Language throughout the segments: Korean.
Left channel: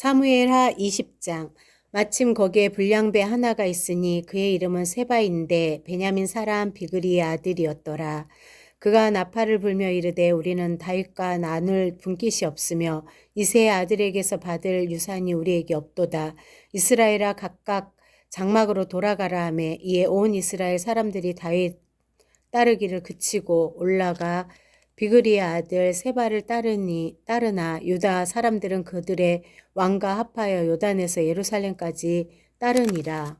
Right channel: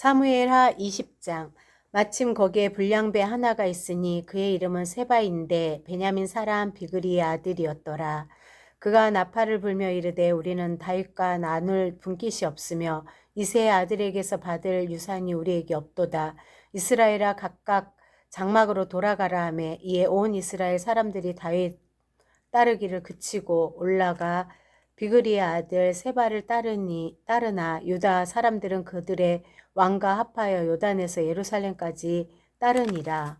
사무엘하 20장. 마침 거기에 불량배 하나가 있으니 그의 이름은 세바인데 베냐민 사람 비그리의 아들이었더라. 그가 나팔을 불며 이르되 우리는 다윗과 나눌 분깃이 없으며 이새의 아들에게서 받을 유산이 우리에게 없도다. 이스라엘아 각각 장막으로 돌아가라 하며 이에 온 이스라엘 사람들이 다윗 따르기를 그치고 올라가 비그리의 아들 세바를 따르나 유다 사람들은 그들의 왕과 합하여 요단에서 예루살렘까지 따르니라.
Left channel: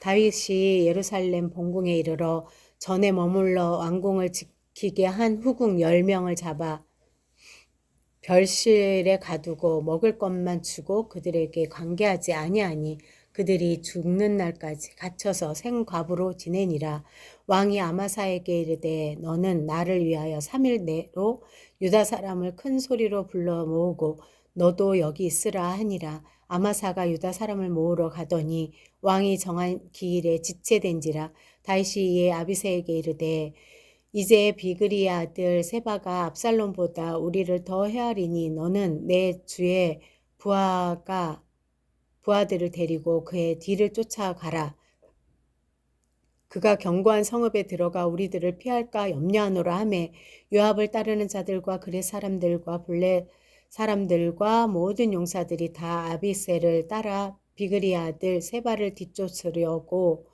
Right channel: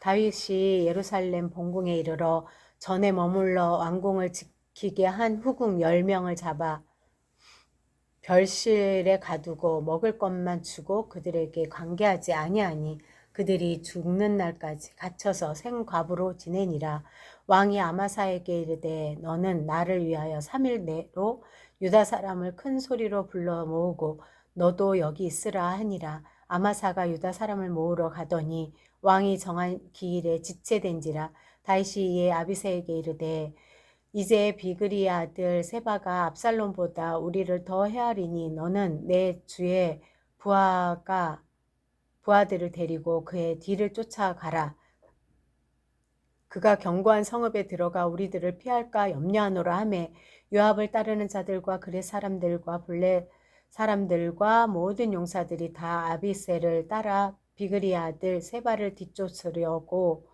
다윗이 예루살렘 본궁에 이르러 전에 머물러 왕궁을 지키게 한 후궁 10명을 잡아 별실에 가두고 먹을 것만 주고 그들에게 관계하지 아니하니 그들이 죽는 날까지 갇혀서 생과부로 지내니라. 왕이 아마사에게 이르되 너는 나를 위하여 3일 내로 유다 사람을 큰 소리로 불러 모으고 너도 여기 있으라 하니라. 아마사가 유다 사람을 모으러 가더니 왕이 정한 기일에 지체된지라. 다윗이 이에 아비새에게 이르되 이제 비그리의 아들 세바가 압살롬보다 우리를 더 헤아리니 너는 내 주의 부하들을 데리고 그의 뒤를 쫓아가라. 그가 견고한 성읍에 들어가 우리들을 피할까 염려하노라 하매 요압을 따르는 자들과 그렛 사람들과 블렛 사람들과 모든 용사들이 다 아비새를 따라 비그리의 아들 세바를 뒤쫓으려고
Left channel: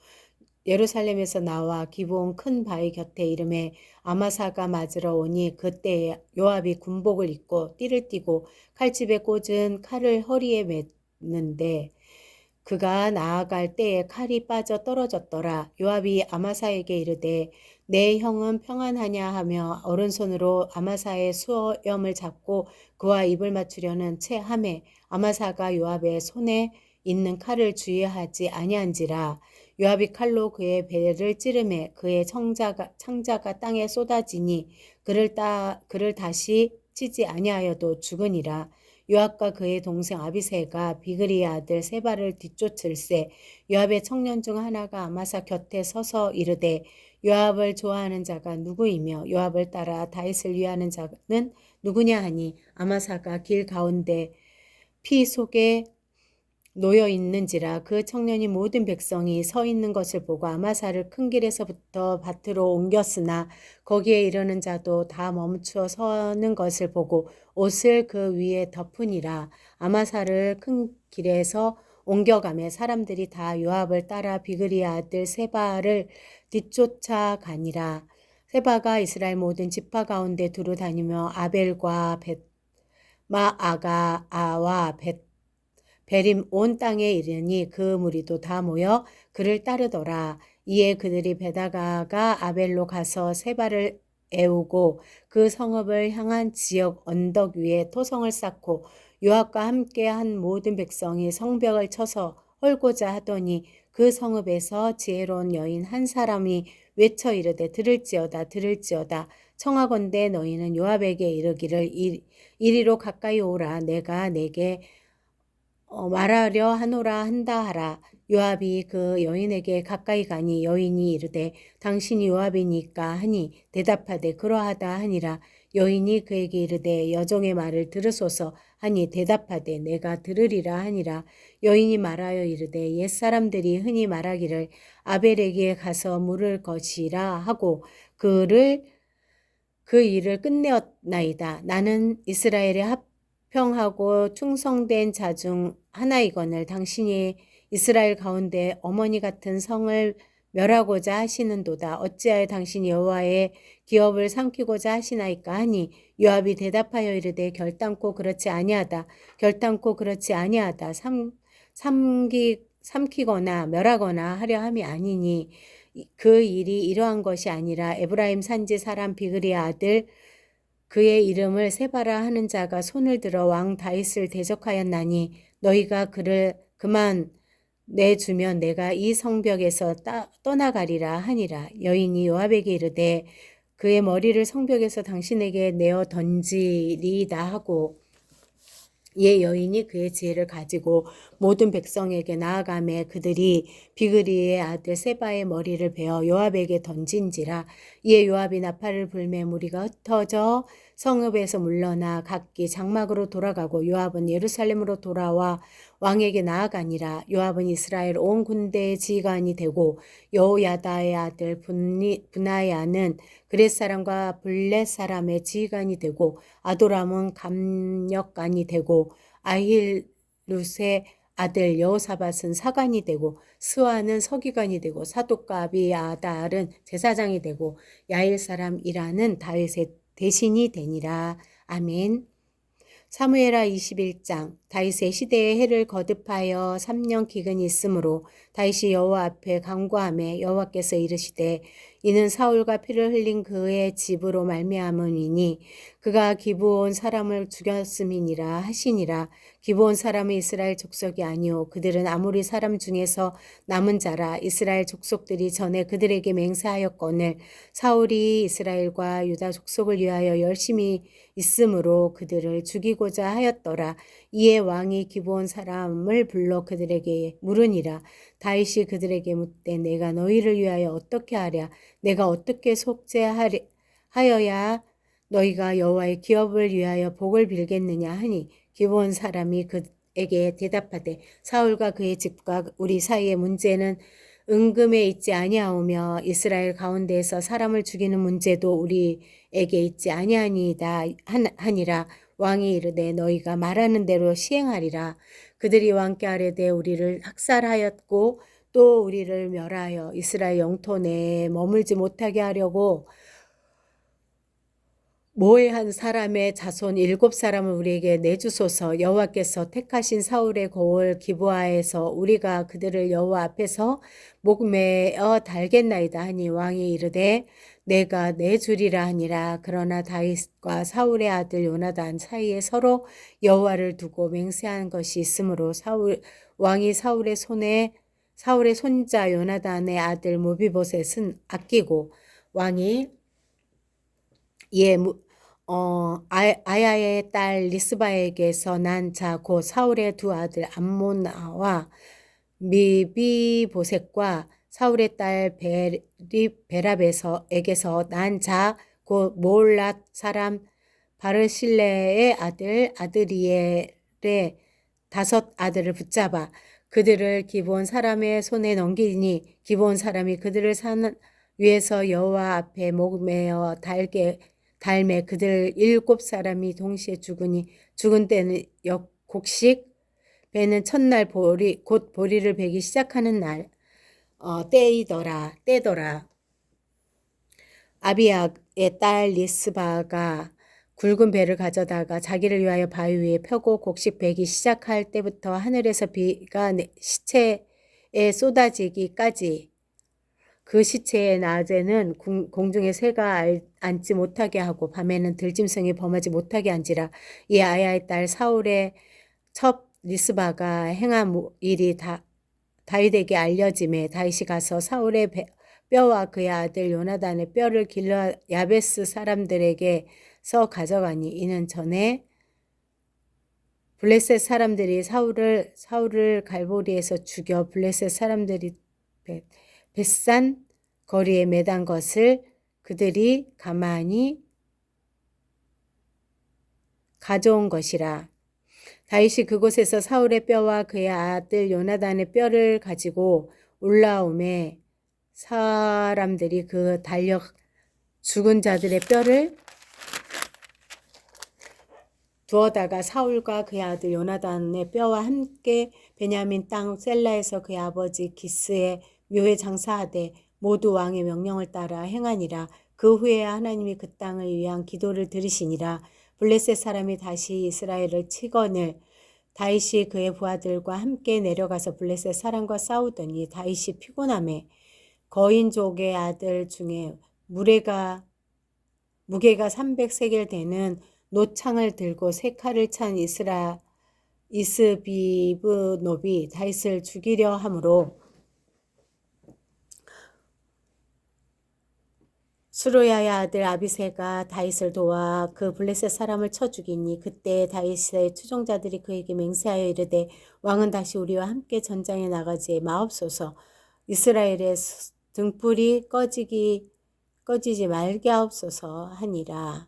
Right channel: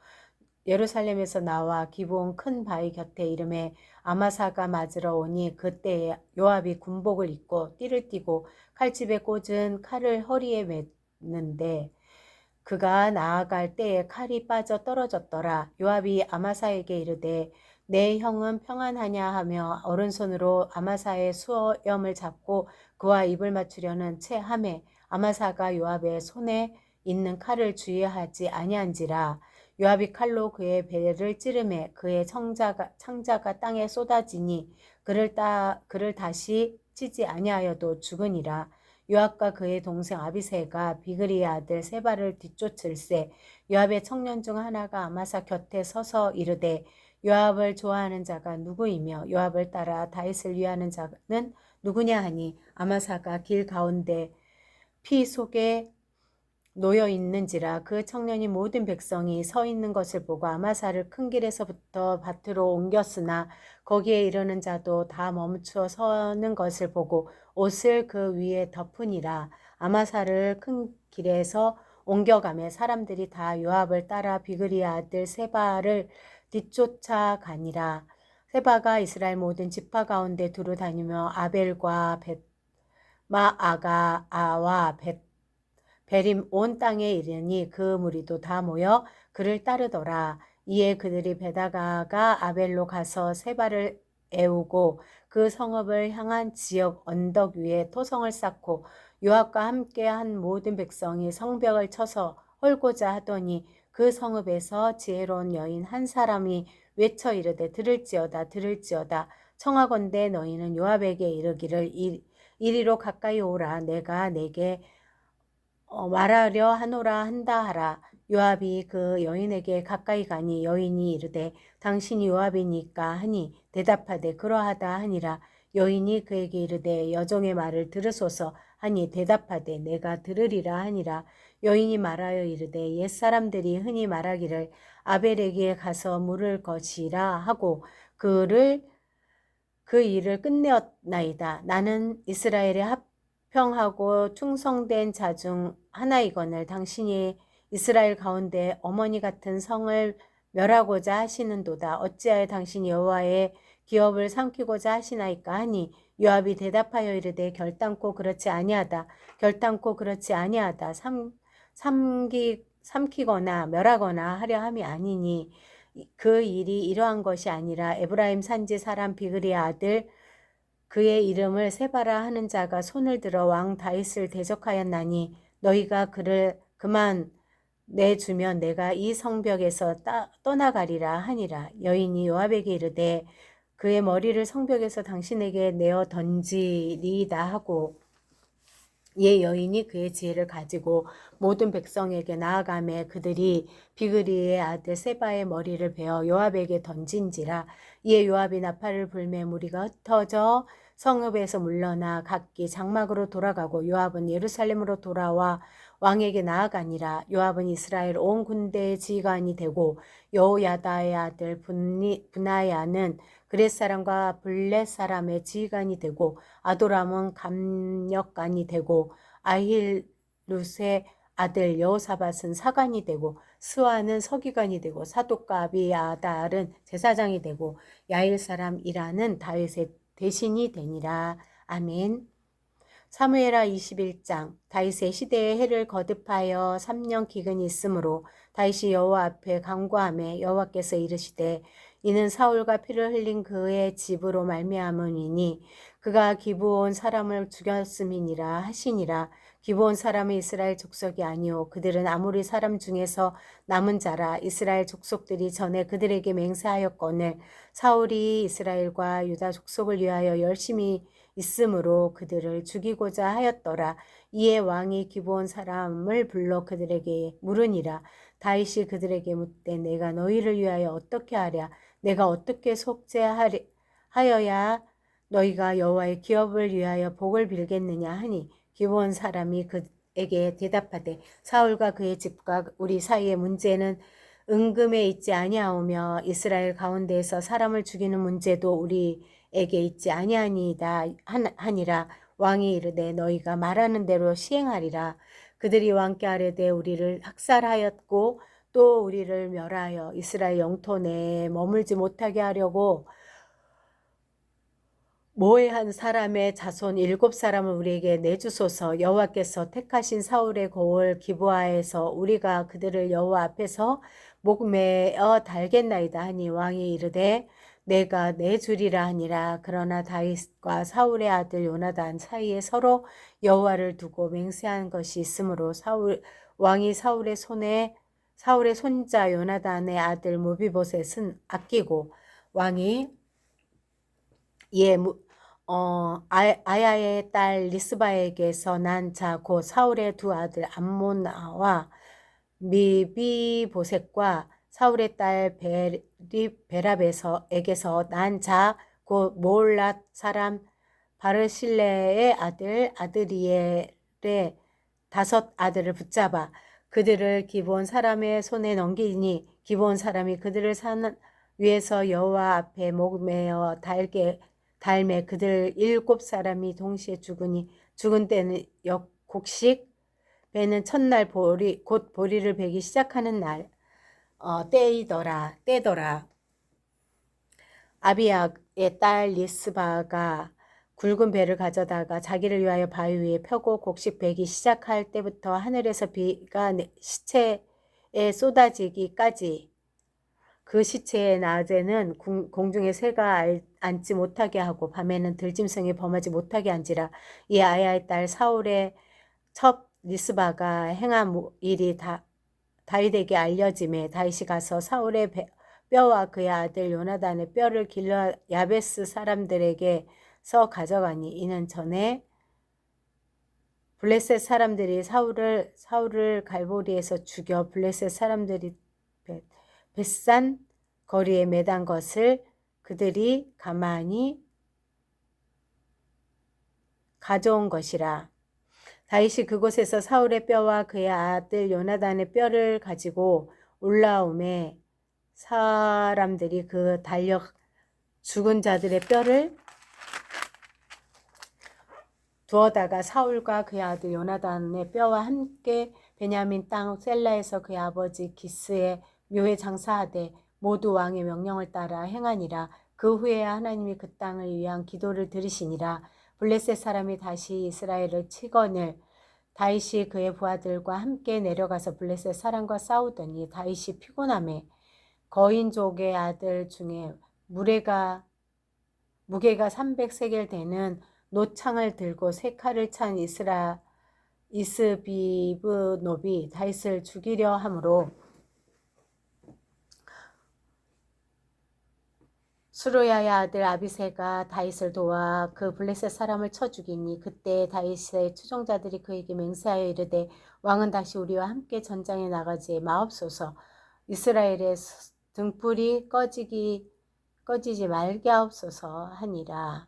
예루살렘에서 나와 기브온 큰 바위 곁에 이름에 아마사가 맞으러 오니 그때에 요압이 군복을 입고 띠를 띠고 칼집에 꽂은 칼을 허리에 맸는데 그가 나아갈 때에 칼이 빠져 떨어졌더라. 요압이 아마사에게 이르되 내 형은 평안하냐 하며 오른손으로 아마사의 수염을 잡고 그와 입을 맞추려는 채 하매 아마사가 요압의 손에 있는 칼을 주의하지 아니한지라. 요압이 칼로 그의 배를 찌르매 그의 창자가 땅에 쏟아지니 그를 다시 치지 아니하여도 죽으니라. 요압과 그의 동생 아비새가 비그리의 아들 세바를 뒤쫓을세. 요압의 청년 중 하나가 아마사 곁에 서서 이르되 요압을 좋아하는 자가 누구이며 요압을 따라 다윗을 위하는 자는 누구냐 하니 아마사가 길 가운데 피 속에 놓여 있는지라. 그 청년이 모든 백성이 서 있는 것을 보고 아마사를 큰 길에서부터 밭으로 옮겼으나 거기에 이르는 자도 다 멈추어 서는 것을 보고 옷을 그 위에 덮으니라. 아마사를 큰 길에서 옮겨가며 사람들이 다 요압을 따라 비그리의 아들 세바를 뒤쫓아가니라. 세바가 이스라엘 모든 지파 가운데 두루 다니며 아벨과 벳마아가와 베림 온 땅에 이르니 그 무리도 다 모여 그를 따르더라. 이에 그들이 베다가가 아벨로 가서 세바를 애우고 그 성읍을 향한 지역 언덕 위에 토성을 쌓고 요압과 함께 한 모든 백성이 성벽을 쳐서 헐고자 하더니 그 성읍에서 지혜로운 여인 한 사람이 외쳐 이르되 들을지어다 청하건대 너희는 요압에게 이르기를 이리로 가까이 오라. 내가 내게 말하려 하노라 한다 하라. 요압이 그 여인에게 가까이 가니 여인이 이르되 당신이 요압이니까 하니 대답하되 그러하다 하니라. 여인이 그에게 이르되 여종의 말을 들으소서 하니 대답하되 내가 들으리라 하니라. 여인이 말하여 이르되 옛사람들이 흔히 말하기를 아벨에게 가서 물을 것이라 하고 그 일을 끝내었나이다. 나는 이스라엘의 합평하고 충성된 자 중 하나이거늘 당신이 이스라엘 가운데 어머니 같은 성을 멸하고자 하시는도다. 어찌하여 당신이 여호와의 기업을 삼키고자 하시나이까 하니 요압이 대답하여 이르되 결단코 그렇지 아니하다. 삼키거나 멸하거나 하려 함이 아니니 그 일이 이러한 것이 아니라 에브라임 산지 사람 비그리의 아들 그의 이름을 세바라 하는 자가 손을 들어 왕 다윗을 대적하였나니 너희가 그를 그만 내주면 내가 이 성벽에서 떠나가리라 하니라. 여인이 요압에게 이르되 그의 머리를 성벽에서 당신에게 내어 던지리이다 하고 이에 여인이 그의 지혜를 가지고 모든 백성에게 나아가매 그들이 비그리의 아들 세바의 머리를 베어 요압에게 던진지라. 이에 요압이 나팔을 불매 무리가 흩어져 성읍에서 물러나 각기 장막으로 돌아가고 요압은 예루살렘으로 돌아와 왕에게 나아가니라. 요압은 이스라엘 온 군대의 지휘관이 되고 여호야다의 아들 분하야는 그렛 사람과 블렛 사람의 지휘관이 되고 아도람은 감력관이 되고 아힐룻의 아들 여호사밧은 사관이 되고 스와는 서기관이 되고 사독과 아비아달은 제사장이 되고 야일 사람 이라는 다윗의 대신이 되니라. 아멘. 사무엘하 21장. 다윗의 시대에 해를 거듭하여 3년 기근이 있으므로 다윗이 여호와 앞에 간구하매 여호와께서 이르시되 이는 사울과 피를 흘린 그의 집으로 말미암음이니 그가 기브온 사람을 죽였음이니라 하시니라. 기브온 사람은 이스라엘 족속이 아니오 그들은 아모리 사람 중에서 남은 자라. 이스라엘 족속들이 전에 그들에게 맹세하였거늘 사울이 이스라엘과 유다 족속을 위하여 열심히 있으므로 그들을 죽이고자 하였더라. 이에 왕이 기브온 사람을 불러 그들에게 물으니라. 다윗이 그들에게 묻되 내가 너희를 위하여 어떻게 하랴? 내가 어떻게 속죄하여야 너희가 여호와의 기업을 위하여 복을 빌겠느냐 하니 기브온 사람이 그에게 대답하되 사울과 그의 집과 우리 사이의 문제는 은금에 있지 아니하오며 이스라엘 가운데에서 사람을 죽이는 문제도 우리에게 있지 아니하니이다 하니라. 왕이 이르되 너희가 말하는 대로 시행하리라. 그들이 왕께 아뢰되 우리를 학살하였고 또 우리를 멸하여 이스라엘 영토 내에 머물지 못하게 하려고 모해한 사람의 자손 7사람을 우리에게 내주소서. 여호와께서 택하신 사울의 고을 기브아에서 우리가 그들을 여호와 앞에서 목매어 달겠나이다 하니 왕이 이르되 내가 내주리라 하니라. 그러나 다윗과 사울의 아들 요나단 사이에 서로 여호와를 두고 맹세한 것이 있으므로 왕이 사울의 손자 요나단의 아들 무비보셋은 아끼고 왕이 예, 아야의 딸 리스바에게서 난 자 곧 사울의 두 아들 암모나와 미비보셋과 사울의 딸 베랍에게서 난 자 곧 모올랏 사람 바르실레의 아들 아드리엘의 5 아들을 붙잡아 그들을 기브온 사람의 손에 넘기니 기브온 사람이 그들을 산 위에서 여호와 앞에 목매어 달매 그들 7사람이 동시에 죽으니 죽은 때는 곡식 배는 첫날 곧 보리를 베기 시작하는 날 때더라. 아비야의 딸 리스바가 굵은 배를 가져다가 자기를 위하여 바위 위에 펴고 곡식 베기 시작할 때부터 하늘에서 비가 시체에 쏟아지기까지 그 시체의 낮에는 공중에 새가 앉지 못하게 하고 밤에는 들짐승이 범하지 못하게 한지라. 이 아야의 딸 사울의 첩 리스바가 행한 일이 다윗에게 알려짐에 다윗이 가서 사울의 뼈와 그의 아들 요나단의 뼈를 길러 야베스 사람들에게서 가져가니 이는 전에 블레셋 사람들이 사울을 갈보리에서 죽여 블레셋 사람들이 벳산 거리에 매단 것을 그들이 가만히 가져온 것이라. 다윗이 그곳에서 사울의 뼈와 그의 아들 요나단의 뼈를 가지고 올라오매 사람들이 그 달려 죽은 자들의 뼈를 두어다가 사울과 그의 아들 요나단의 뼈와 함께 베냐민 땅 셀라에서 그의 아버지 기스의 묘에 장사하되 모두 왕의 명령을 따라 행하니라. 그 후에 하나님이 그 땅을 위한 기도를 들으시니라. 블레셋 사람이 다시 이스라엘을 치거늘 다윗이 그의 부하들과 함께 내려가서 블레셋 사람과 싸우더니 다윗이 피곤함에 거인족의 아들 중에 무게가 300세겔 되는 노창을 들고 3칼을 찬 이스비브노비 다윗을 죽이려 하므로 수르야의 아들 아비새가 다윗을 도와 그 블레셋 사람을 쳐 죽이니 그때 다윗의 추종자들이 그에게 맹세하여 이르되 왕은 다시 우리와 함께 전장에 나가지 마옵소서. 이스라엘의 등불이 꺼지지 말게 하옵소서 하니라.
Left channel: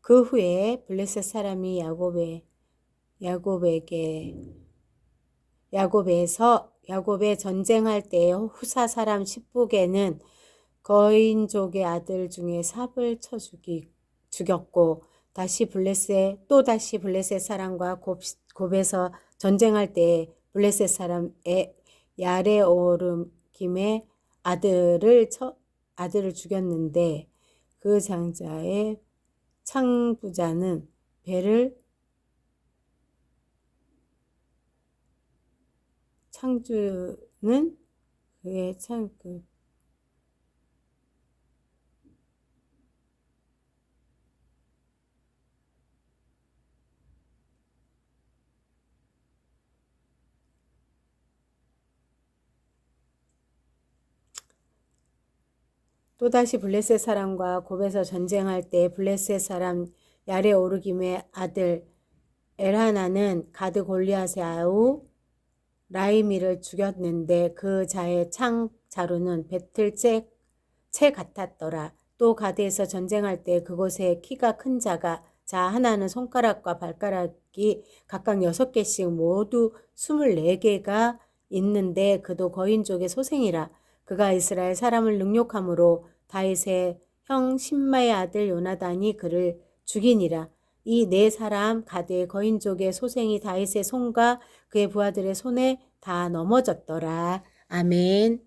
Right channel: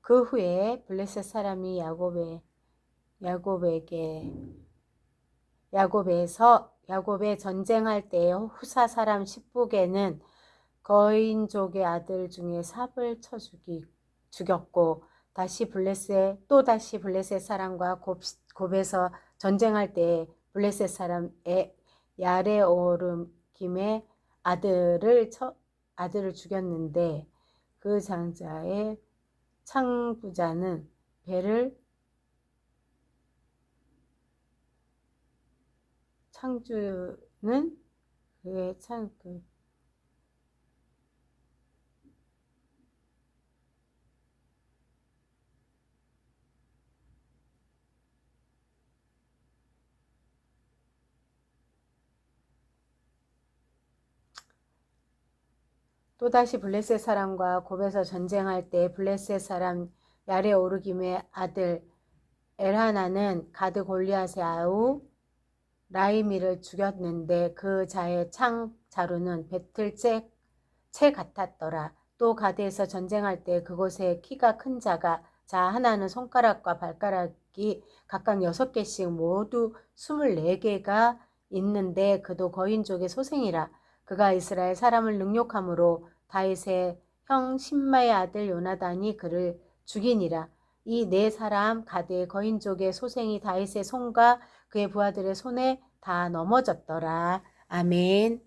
그 후에 블레셋 사람이 야곱에 전쟁할 때 후사 사람 십북에는 거인족의 아들 중에 삽을 쳐 죽였고 또다시 블레셋 사람과 곱에서 전쟁할 때 블레셋 사람의 야레오르김의 아들을 죽였는데 그 장자의 창부자는 창주는 그의 또다시 블레셋 사람과 곱에서 전쟁할 때 블레셋 사람 야레오르김의 아들 엘하나는 가드 골리앗의 아우 라이미를 죽였는데 그 자의 창자루는 배틀 채 같았더라. 또 가드에서 전쟁할 때 그곳에 키가 큰 자 하나는 손가락과 발가락이 각각 6개씩 모두 24개가 있는데 그도 거인족의 소생이라. 그가 이스라엘 사람을 능욕함으로 다윗의 형 심마의 아들 요나단이 그를 죽이니라. 이 네 사람 가드의 거인족의 소생이 다윗의 손과 그의 부하들의 손에 다 넘어졌더라. 아멘.